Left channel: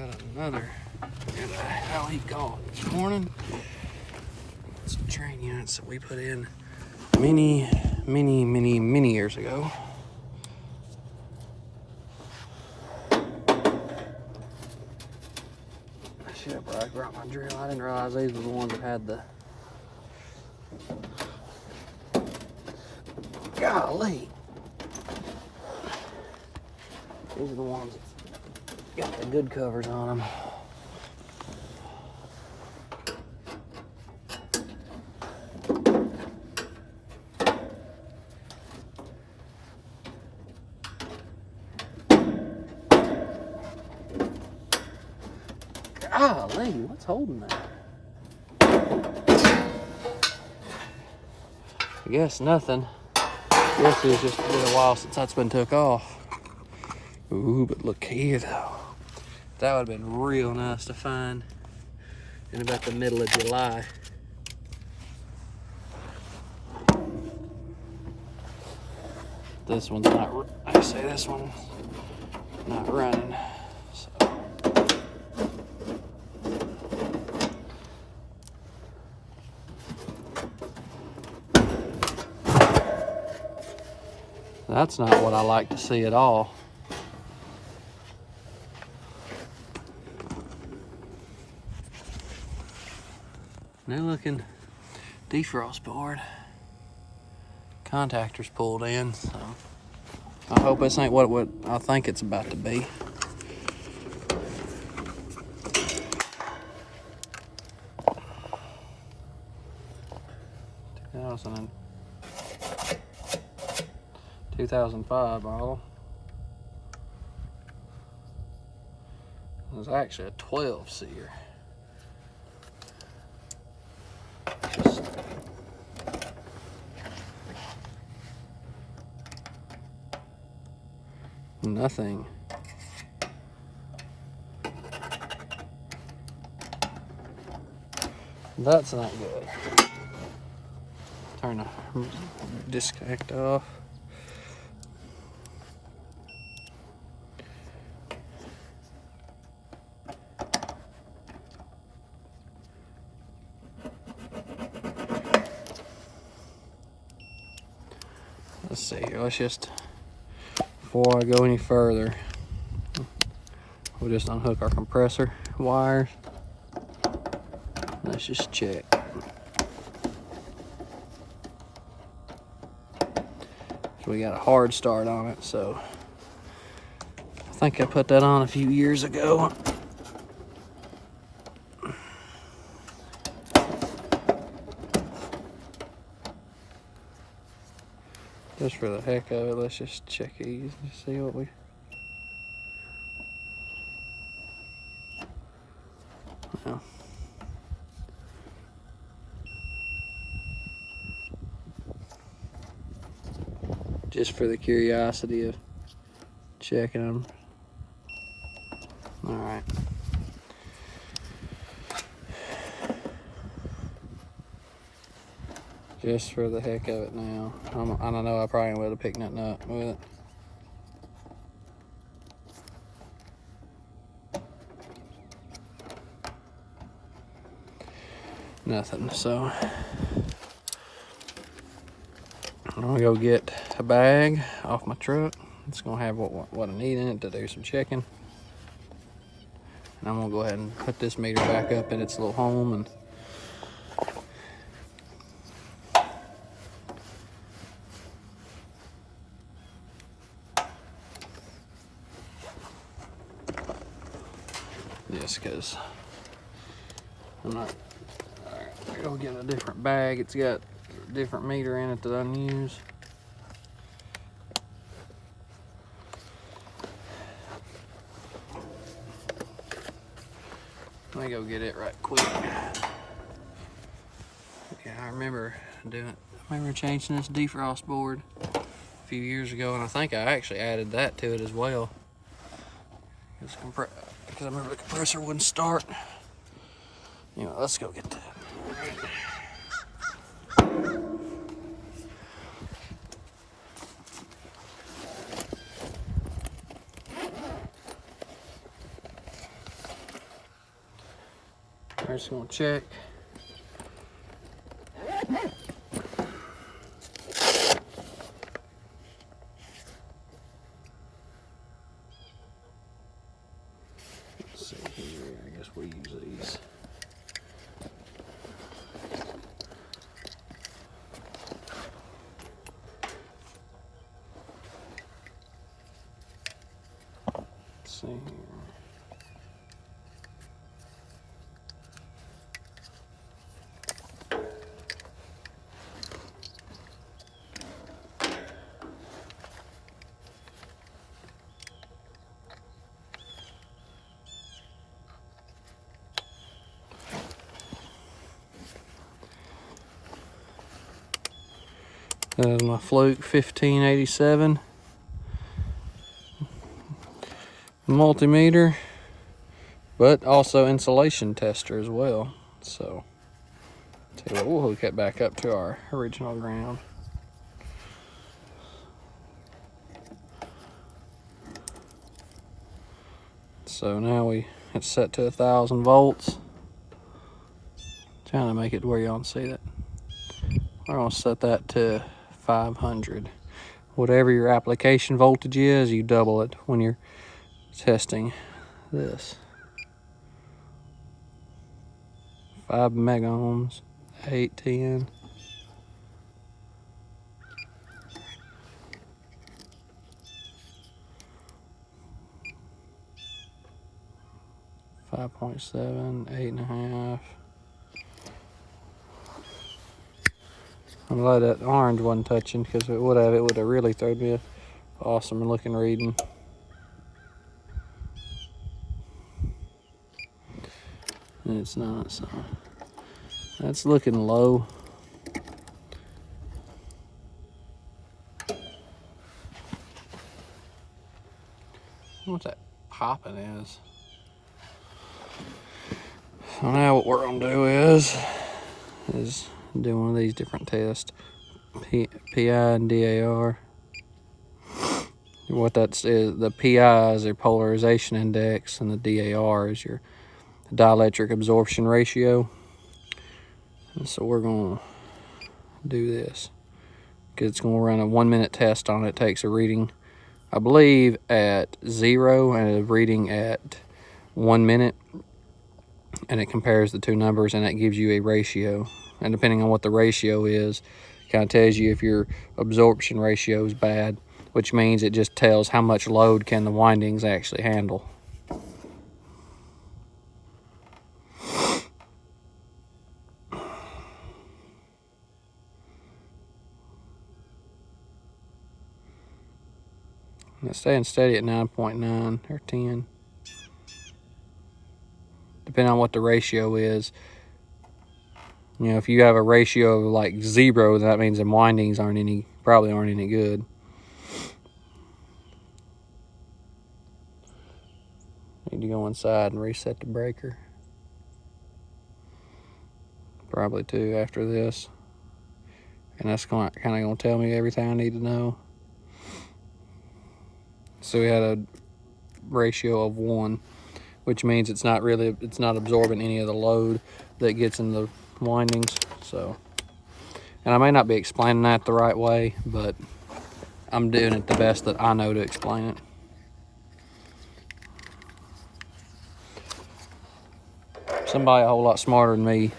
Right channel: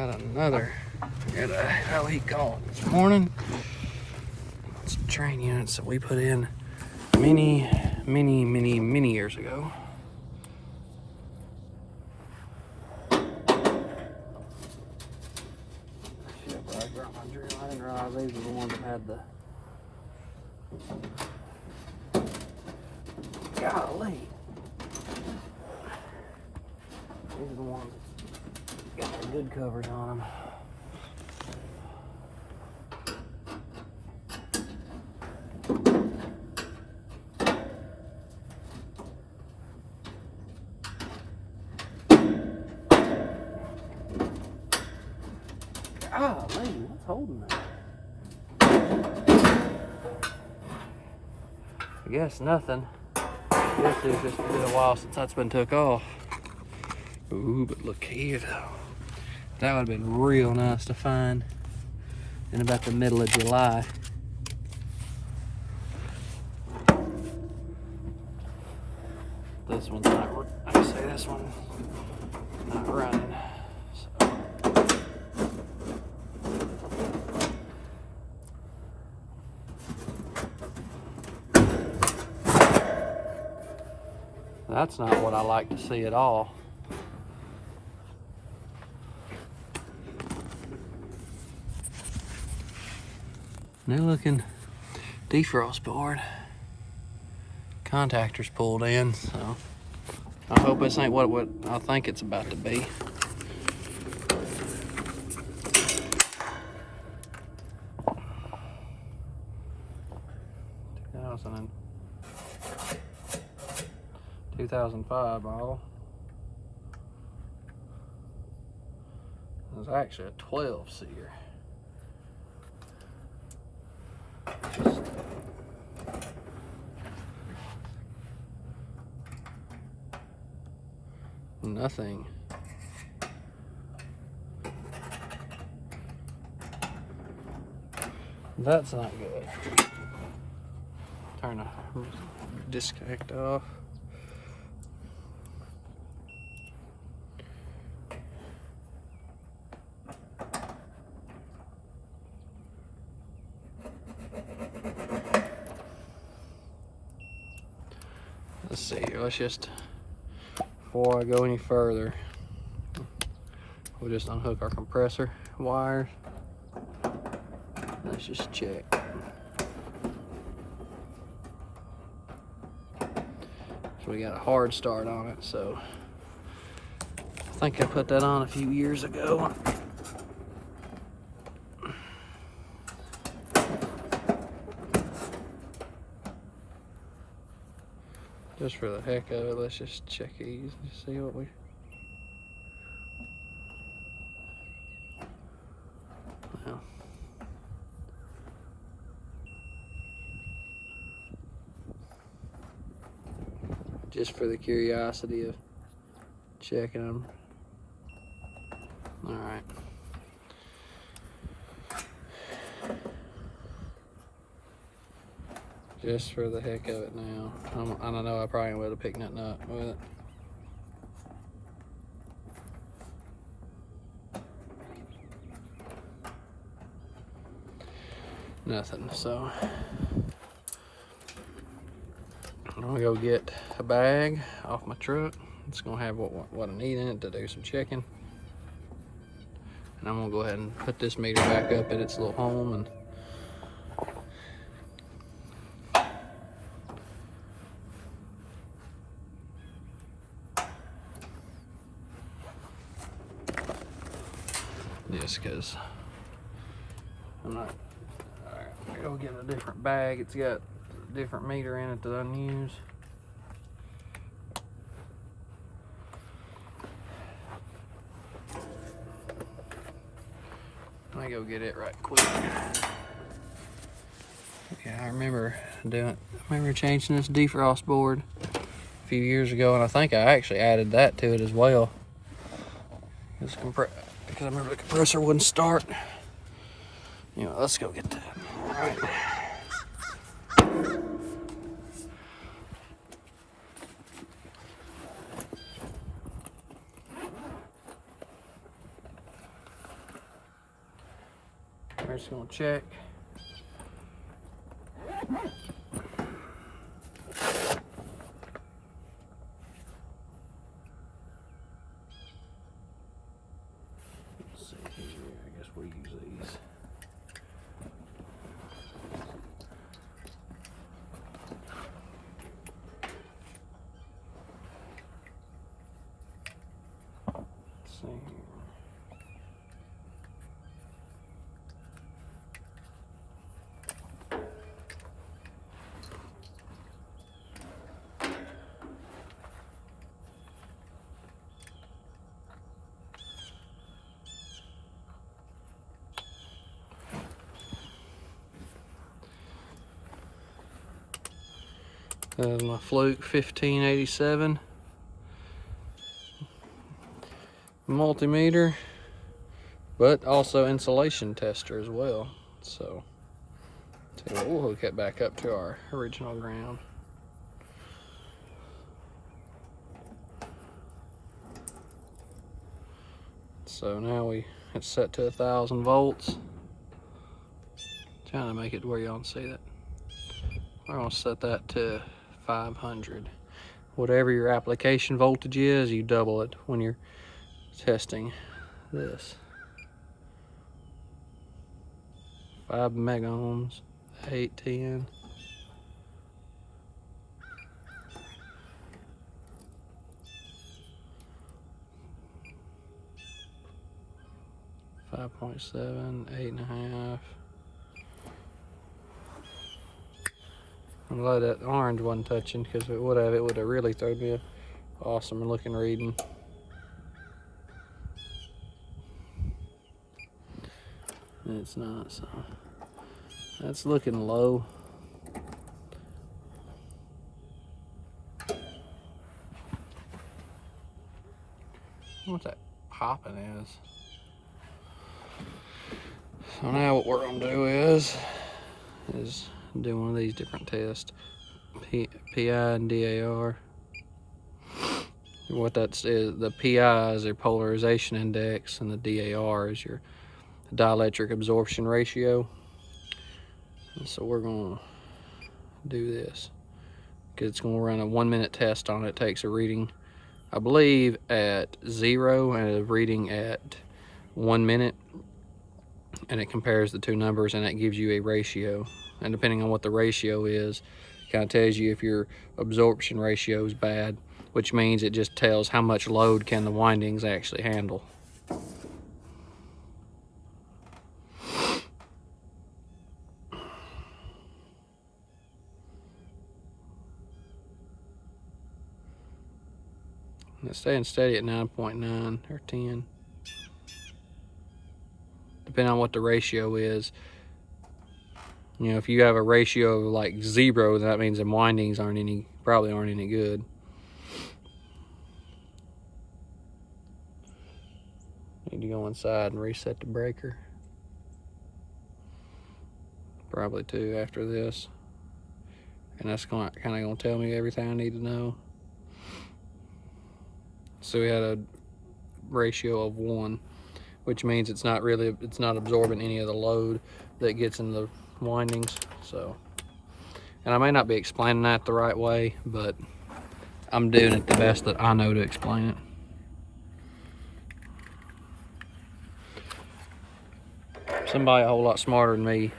Got another, got a hell heat call this morning. Some Trane units that we put in many years ago. I should have probably brought my drill. I didn't realize these were the ones that had the. Golly. These are the ones that got the good covers on them. Golly, what's holding that? I guess nothing. I guess it's just been a while since that's been took off. Ooh, but look here though. That would have been real nice to find in about the middle of July. This one's not, I say this one's not running. So. That's not what I like to see at all. New looking defrost board. Contactors pulled in, so I hope this ain't what I think it's about to be. And 2005 model. It was actually a 12 seer. Just nothing. That's not good. Turn the disconnect off. Let's see here, let's just, before I go any further, we'll just unhook our compressor wires. Let's just check. So we got a hard start on it, so I think I put that on a few years ago. Just for the heck of it, let's just check these and see what we. No. Just for the curiosity of checking them. All right. Just for the heck of it now. I don't know, I probably would have picked nothing up with it. Nothing, so I'm gonna go get a bag off my truck. It's gonna have what I need in it to do some checking. And I'm gonna go ahead and put this meter back up at its little home and just because I'm not. Alright, go get a different bag. It's got a different meter in it that I use. Let me go get it right quick. Yeah, I remember changing this defrost board a few years ago, and I think I actually added that to it as well. Because I remember the compressor wouldn't start. You know, let's go get that. All right. We're just gonna check. Let's see here, I guess we use these. Let's see here. My Fluke 1587 multimeter, but also insulation tester as well. So, tell you what, we'll hook it back up to our original ground. So now it's set to 1,000 volts. Trying to make it where y'all can see that. We're gonna set that to 500. Whatever your application voltage is, you double it when you're testing this. 5 megohms, 810. .7, 8.5. I'm glad that orange wasn't touching, because if it would have really thrown me an awesome looking reading. And it's not, so that's looking low. What that popping is. So now what we're gonna do is do one of these different tests. PI and DAR. What that's is, the PI is your polarization index, and the DAR is your dielectric absorption ratio. And so we're gonna do this, because it's gonna run a 1-minute test on it. It takes a reading, I believe, at 0 and a reading at 1 minute, and it compares the two numbers, and it gives you a ratio. And depending on what the ratio is, kind of tells you if your absorption ratio is bad, which means it just tells how much load can the windings actually handle. And it's staying steady at 9.9 or 10. Depending on what the ratio is. You know, if you have a ratio of like 0, that means the windings probably aren't any good. Need to go inside and reset the breaker. Probably too after this. And that's kind of going to tell me everything I need to know. So we had a ratio of 1, which means it's not absorbing any of the load that gets in the windings. So, and I may not be explaining that the right way, but I'm doing it the best that I know to explain it. Somebody a whole lot smarter than me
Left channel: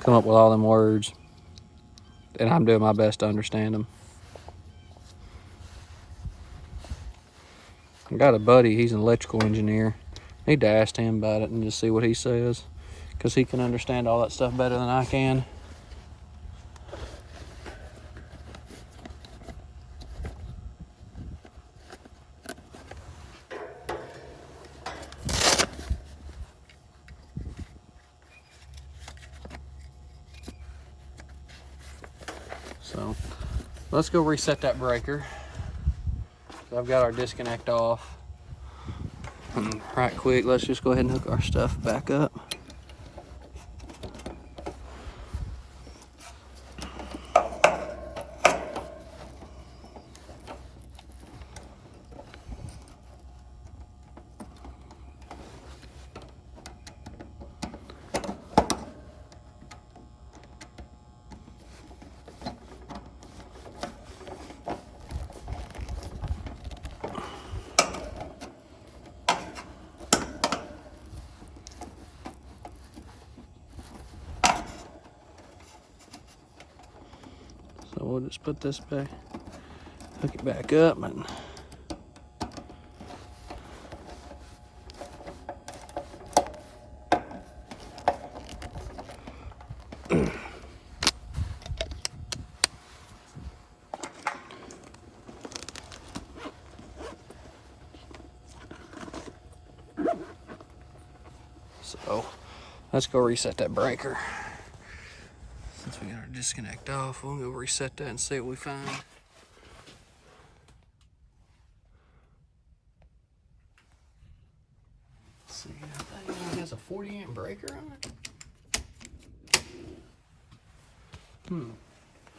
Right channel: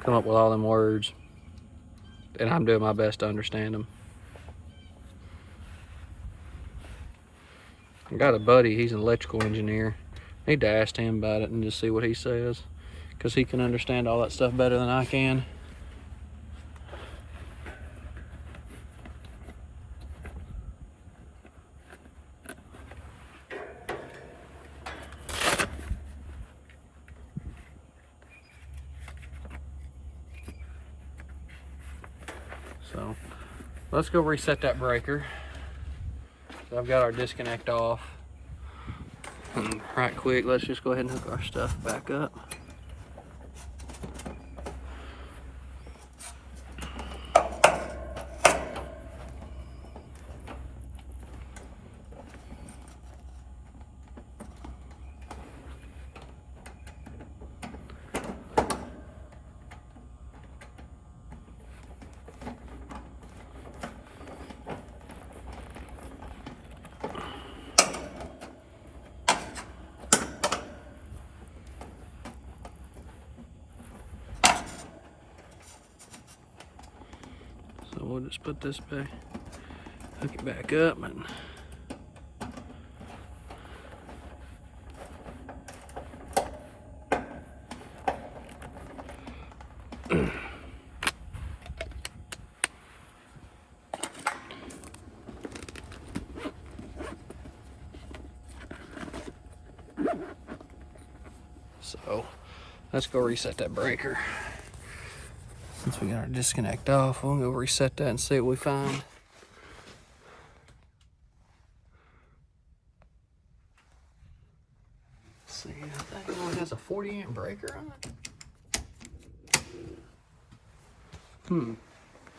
come up with all them words, and I'm doing my best to understand them. I got a buddy, he's an electrical engineer. Need to ask him about it and just see what he says, because he can understand all that stuff better than I can. So let's go reset that breaker. So I've got our disconnect off. And right quick, let's just go ahead and hook our stuff back up. we'll just put this back, hook it back up, and so let's go reset that breaker. Since we got our disconnect off, we'll go reset that and see what we find. Let's see, I think it only has a 40 amp breaker on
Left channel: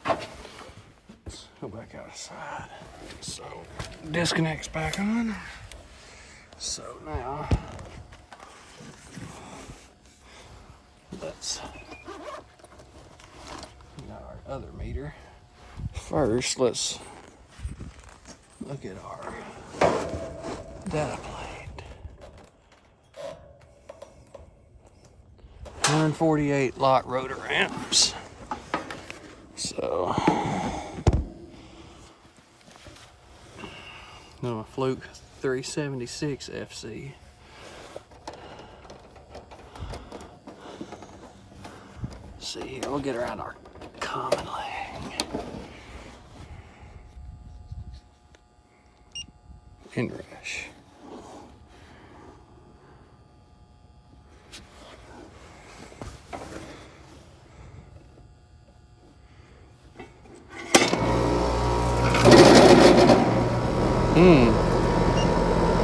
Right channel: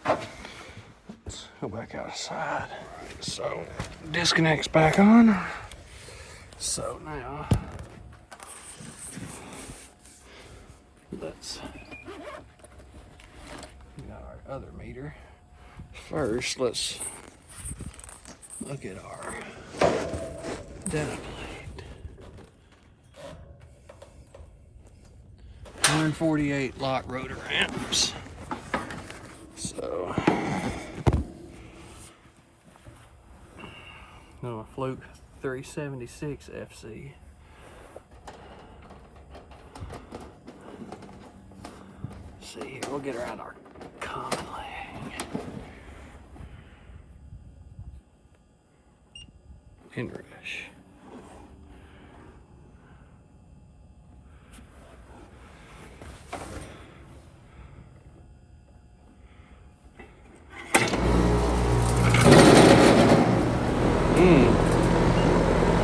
it. Let's go back outside. So, disconnect's back on. So now, let's our other meter. First, let's look at our data plate. 148 lock rotor amps. So, no, a Fluke 376 FC. Let's see here, we'll get around our conlang. Inrush.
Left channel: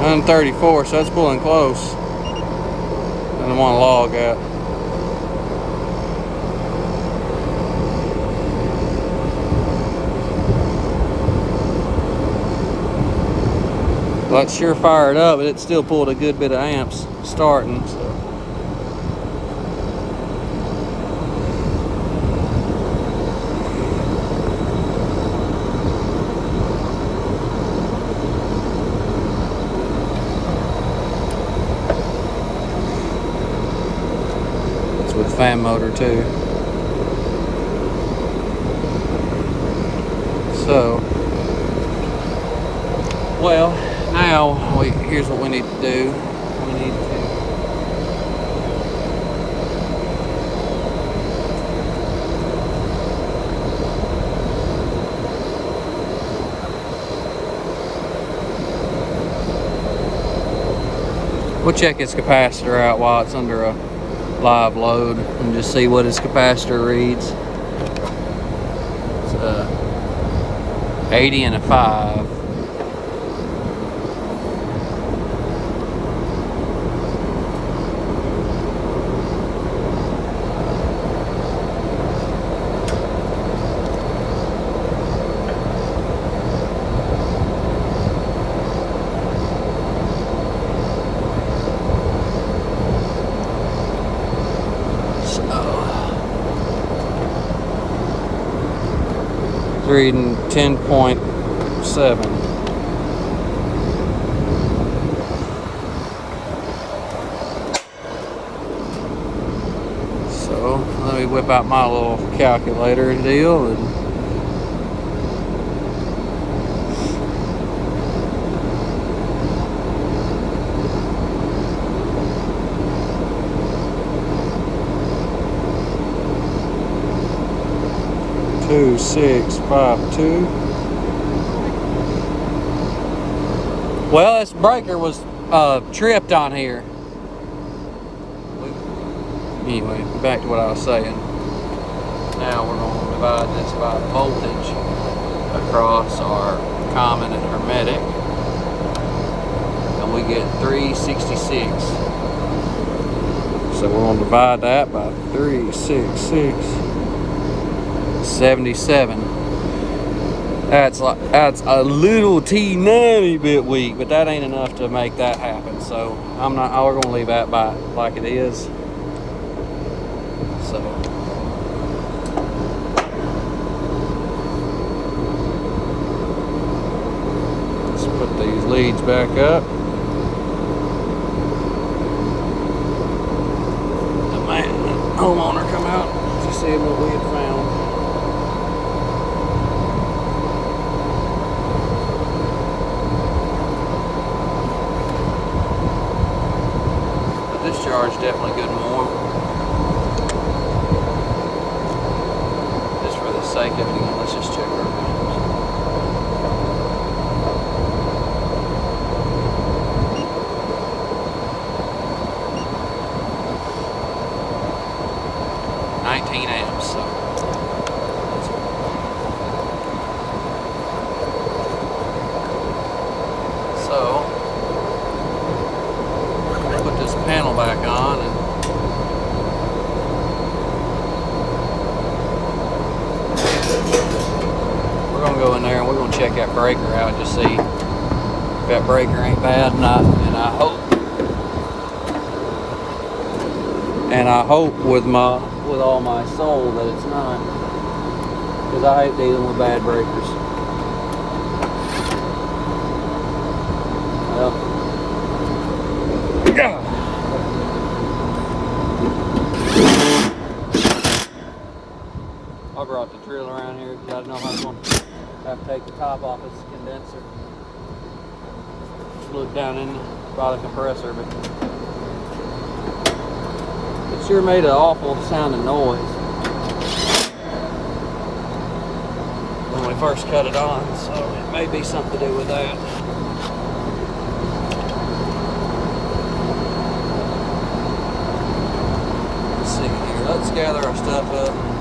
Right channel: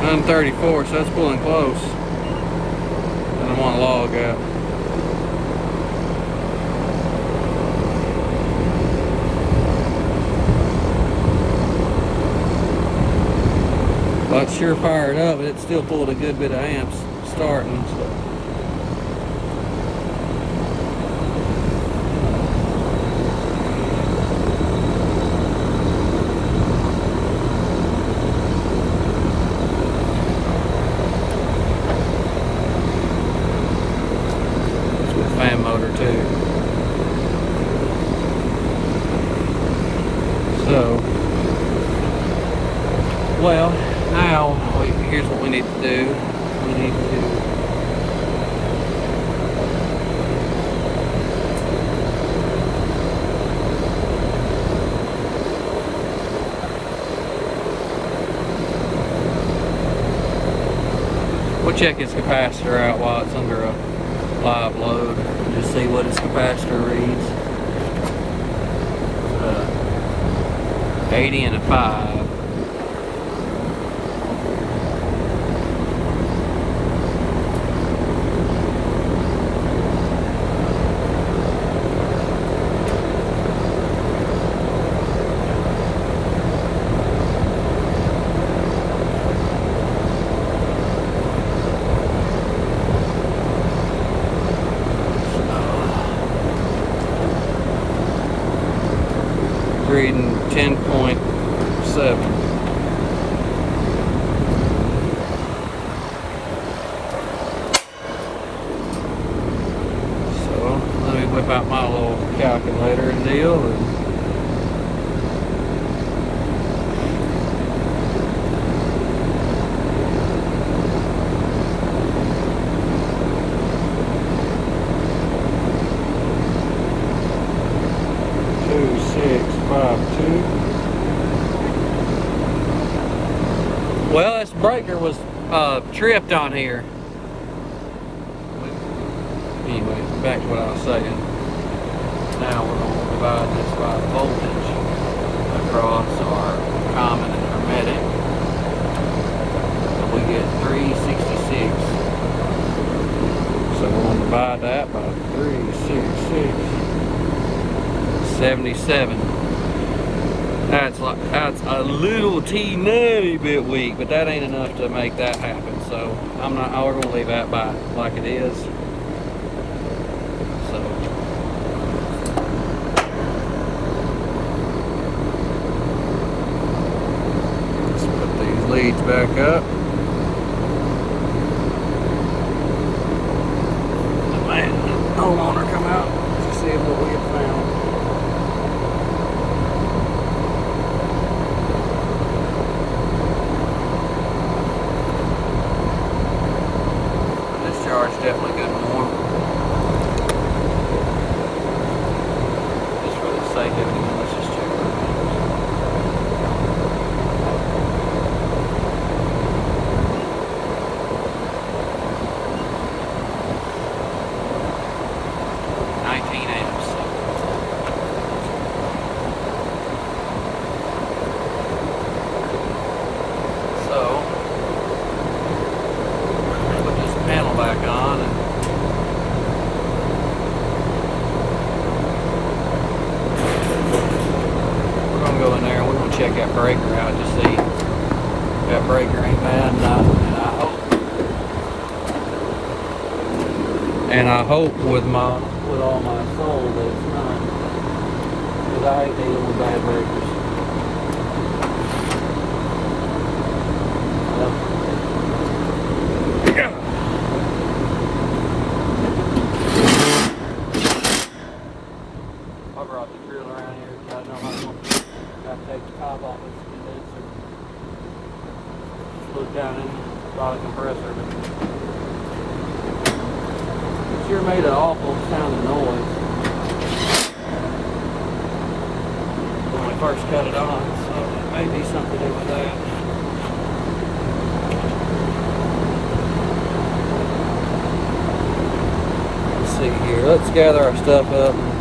I'm 34, so that's pulling close. Doesn't want to log out. Well, it's sure fired up, but it still pulled a good bit of amps starting. So. It's with fan motor too. So, well. Now, here's what we need to do. We need to we'll check its capacitor out while it's under a live load and just see what its capacitor reads. It's 80 and a 5. Reading 10.7. So let me whip out my little calculator deal and two, 6, 5, 2. Well, this breaker was tripped on here. Anyway, back to what I was saying. Now we're going to divide this by voltage across our common and hermetic. And we get 366. So we're going to divide that by 366. 77. That's a little teeny bit weak, but that ain't enough to make that happen. So we're gonna leave that by like it is. So let's put these leads back up. Man, homeowner come out to see what we had found. discharge definitely good and warm. Just for the sake of it, let's just check it. 19 amps. So put this panel back on. We're gonna go in there and we're gonna check that breaker out, just see if that breaker ain't bad. And I hope with all my soul that it's not, because I hate dealing with bad breakers. Well, I brought the drill around here because I know I'm going to have to take the top off this condenser. Look down in by the compressor, but it sure made an awful sounding noise when I first cut it on, so it may be something to do with that. Let's see here. Let's gather our stuff up and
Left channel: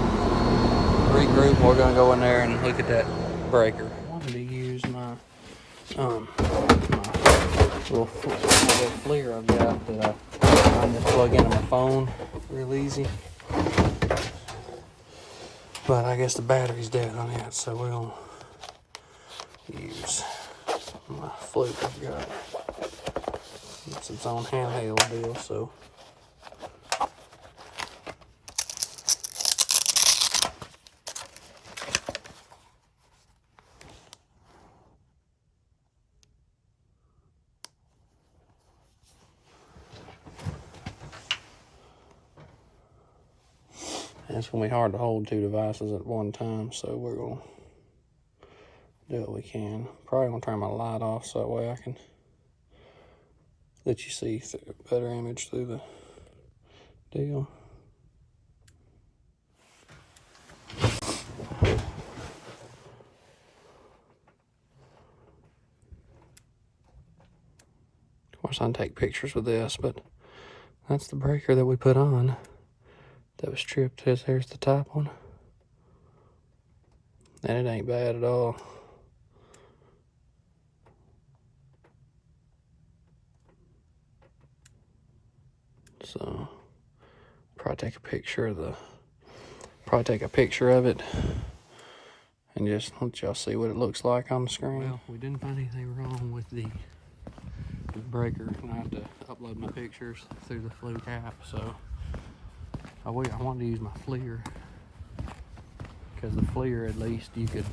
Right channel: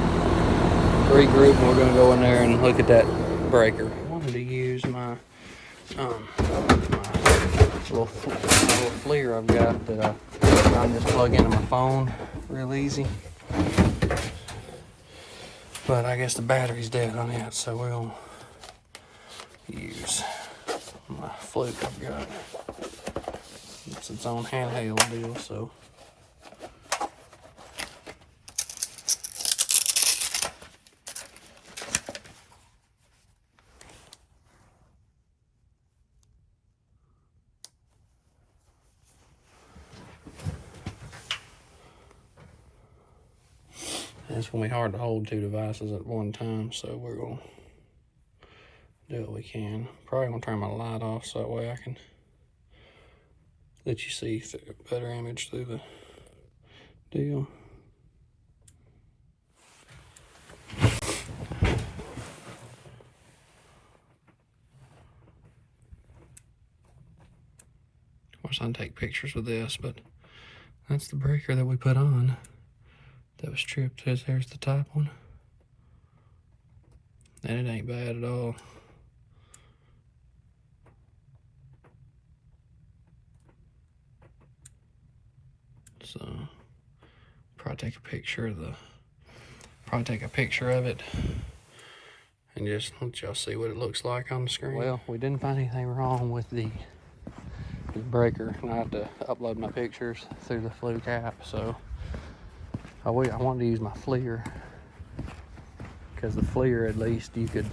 regroup, and we're going to go in there and look at that breaker. I wanted to use my little FLIR I've got that I can just plug into my phone real easy. But I guess the battery's dead on it, so we're going to use my fluke I've got. It's its own handheld deal, so. It's going to be hard to hold two devices at one time, so we're going to do what we can. Probably going to turn my light off so that way I can let you see a better image through the deal. Of course, I can take pictures with this, but that's the breaker that we put on. That was stripped. Here's the top one. And it ain't bad at all. So probably take a picture of it and just let y'all see what it looks like on the screen. Well, we didn't find anything wrong with the breaker, and I have to upload my pictures through the Fluke app, so I wanted to use my FLIR, because the FLIR, at least you could,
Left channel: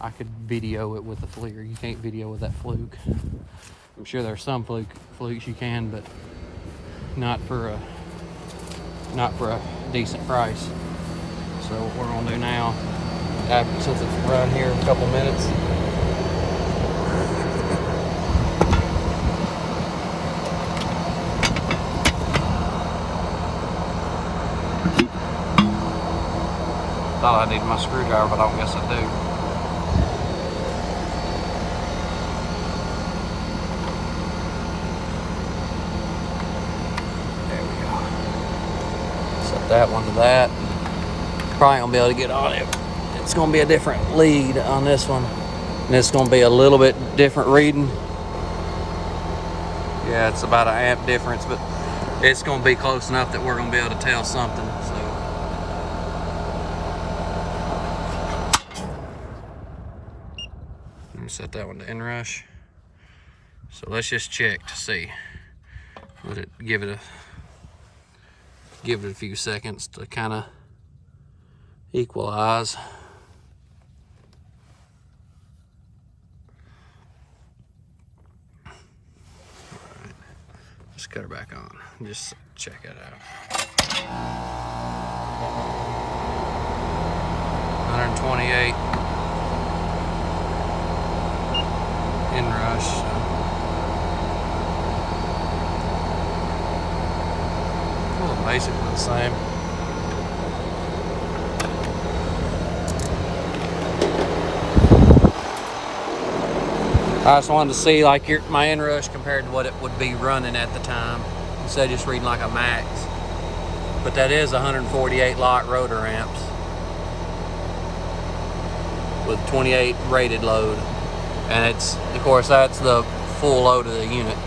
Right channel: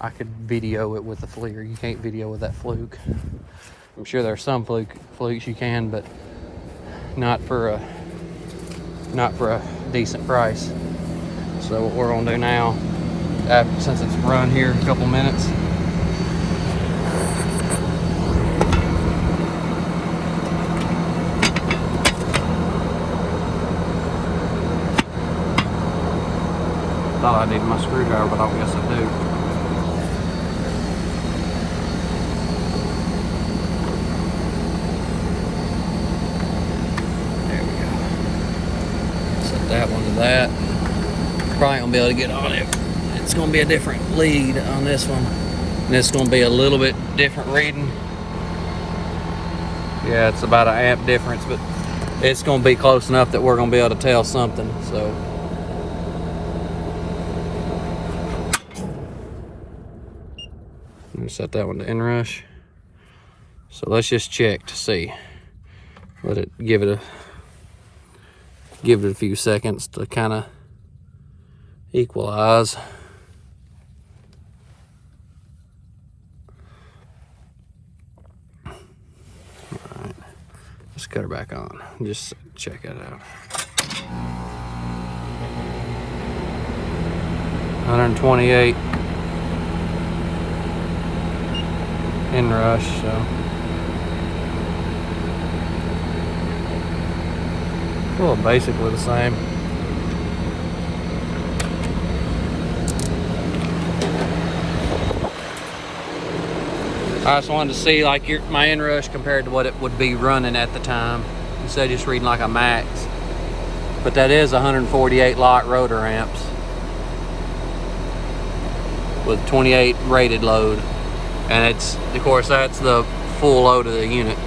I could video it with the FLIR. You can't video with that Fluke. I'm sure there are some Flukes you can, but not for a decent price. So what we're gonna do now, since it's run here a couple minutes, I need my screwdriver, but I don't guess I do. Set that one to that. Probably gonna be able to get on it. It's gonna be a different lead on this one. And it's gonna be a little bit different reading. Yeah, it's about an amp difference, but it's gonna be close enough that we're gonna be able to tell something, so. Set that one to inrush. So let's just check to see. Let it give it a few seconds to kind of equalize. All right, let's cut her back on. Just check it out. 128. Inrush, so Well, basically the same. I just wanted to see like my inrush compared to what it would be running at the time, instead of just reading like a max. But that is 148 lot rotor amps with 28 rated load, and it's, of course, that's the full load of the unit.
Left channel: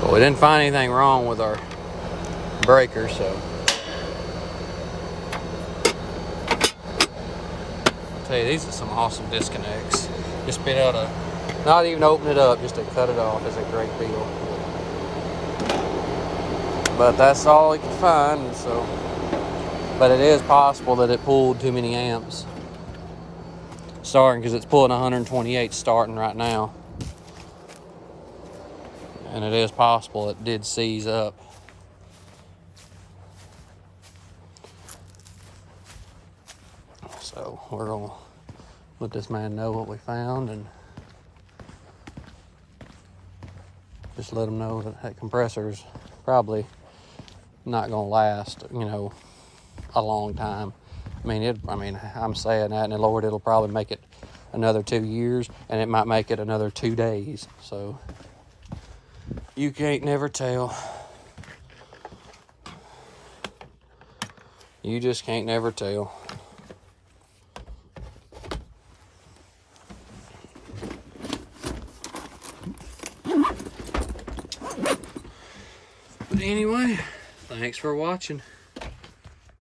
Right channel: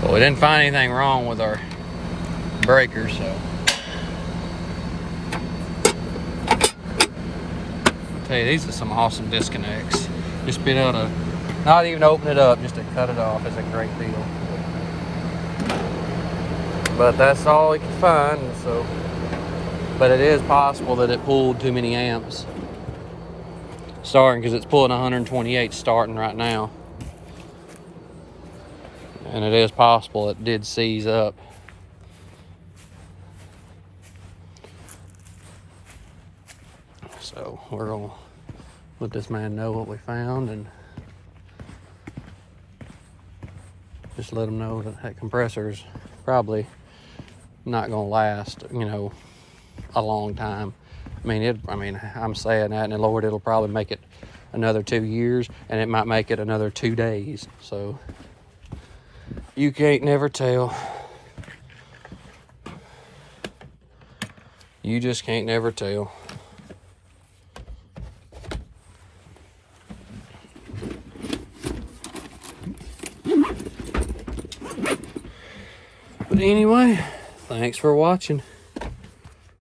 But we didn't find anything wrong with our breaker, so I'll tell you, these are some awesome disconnects. Just been able to not even open it up, just to cut it off is a great deal. But that's all we could find, so. But it is possible that it pulled too many amps starting, because it's pulling 128 starting right now. And it is possible it did seize up. So we're gonna let this man know what we found and just let him know that that compressor's probably not gonna last, you know, a long time. I mean, I'm saying that, and Lord, it'll probably make it another 2 years, and it might make it another 2 days. So you can't never tell. You just can't never tell. But anyway, thanks for watching.